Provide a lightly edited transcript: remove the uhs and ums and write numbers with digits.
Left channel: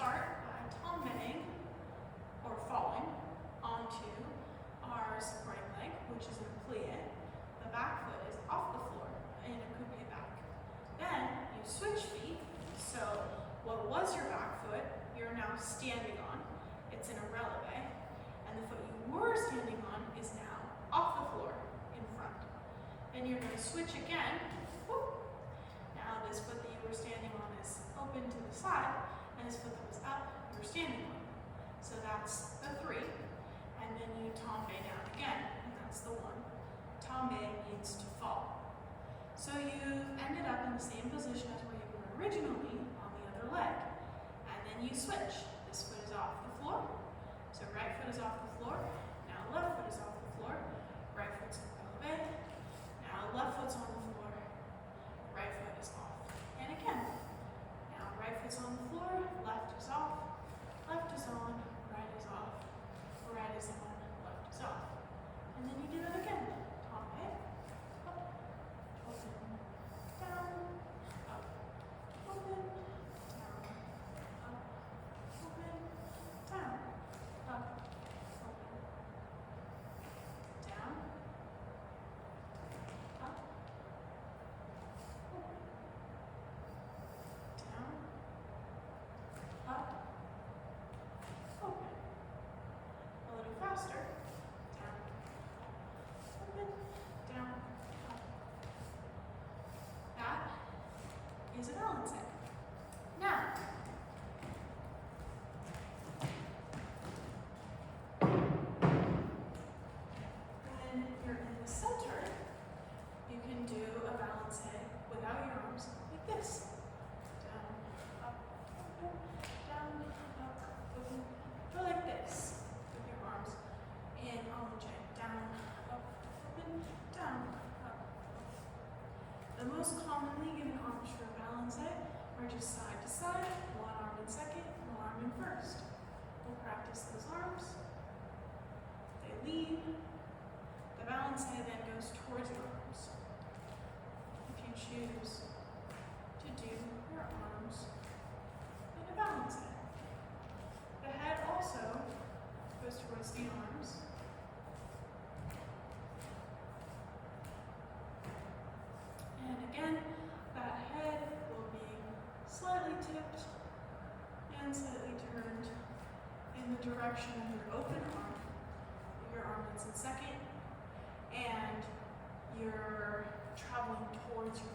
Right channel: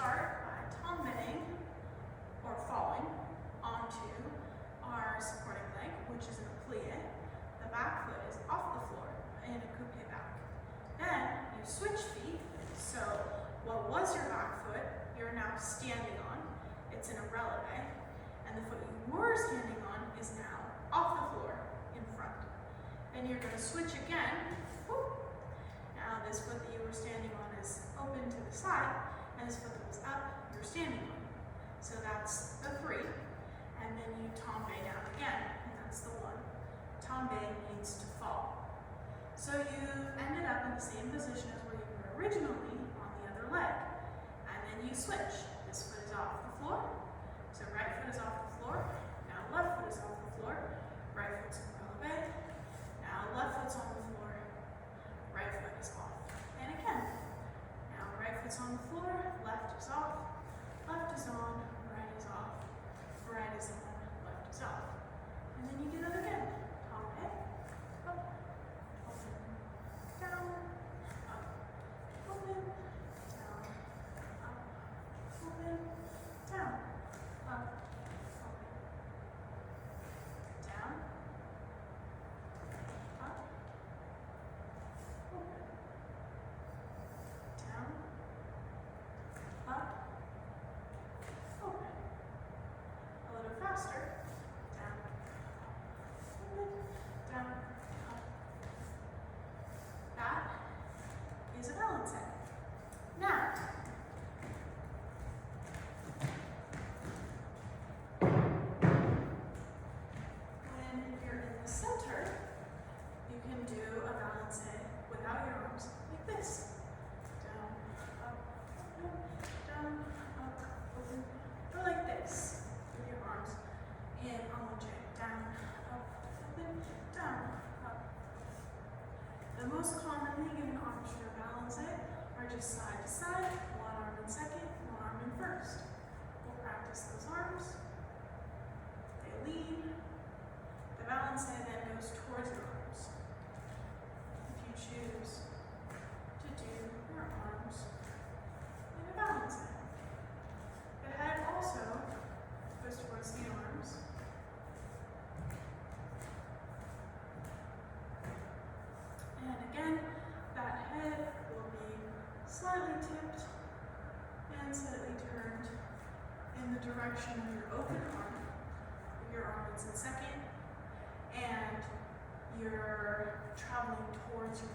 start by tombeing or falling onto our supporting leg, which is in a plie. The back foot is off the floor in a coupe back. Then you switch feet. So what was your back foot, you're now standing on. It's in a releve. And the foot you were standing on is now off the floor in front. Then you're going to switch again. Whoop. Now this foot that you were standing on is open to the side, and this foot that was up, you're standing on. So that's the 3. And then you tombe down again, and that's the 1. Tombe means to fall. So you ended up in the same position as where you were originally on the other leg. And then you switch. This foot is off the floor. So right foot is off the floor. Now left foot is off the floor. Right foot's in releve. Now left foot's on the floor. Right foot is off. And again. Now right foot's on the floor. Left is off. Left is on. Right is off. Right is on. Left is off. And then you do that again. Tombe. Up. Open. Down. Up. Open. Down. Up. Open. Down. Up. Open. Down. Up. Open. Down. Up. Open. A little faster. Down. Up. Open. Down. Up. That is a balance set. Now, when you're in the center, you can do a balance without your arms like this. Down, up, open, down, up, open. Or like this, with your arms in allonge. Down, up, open, down, up. The most commonly given arms for balance are just side to side, one arm in second, one arm in first. We'll practice those arms. They lean. The balance then goes towards your arms. If you choose to do your arms in a balance hand. The head also goes towards the arms. And again, that head will be slightly tipped and slightly turned in the direction of your open arm. Your arm is in second, and you're traveling towards your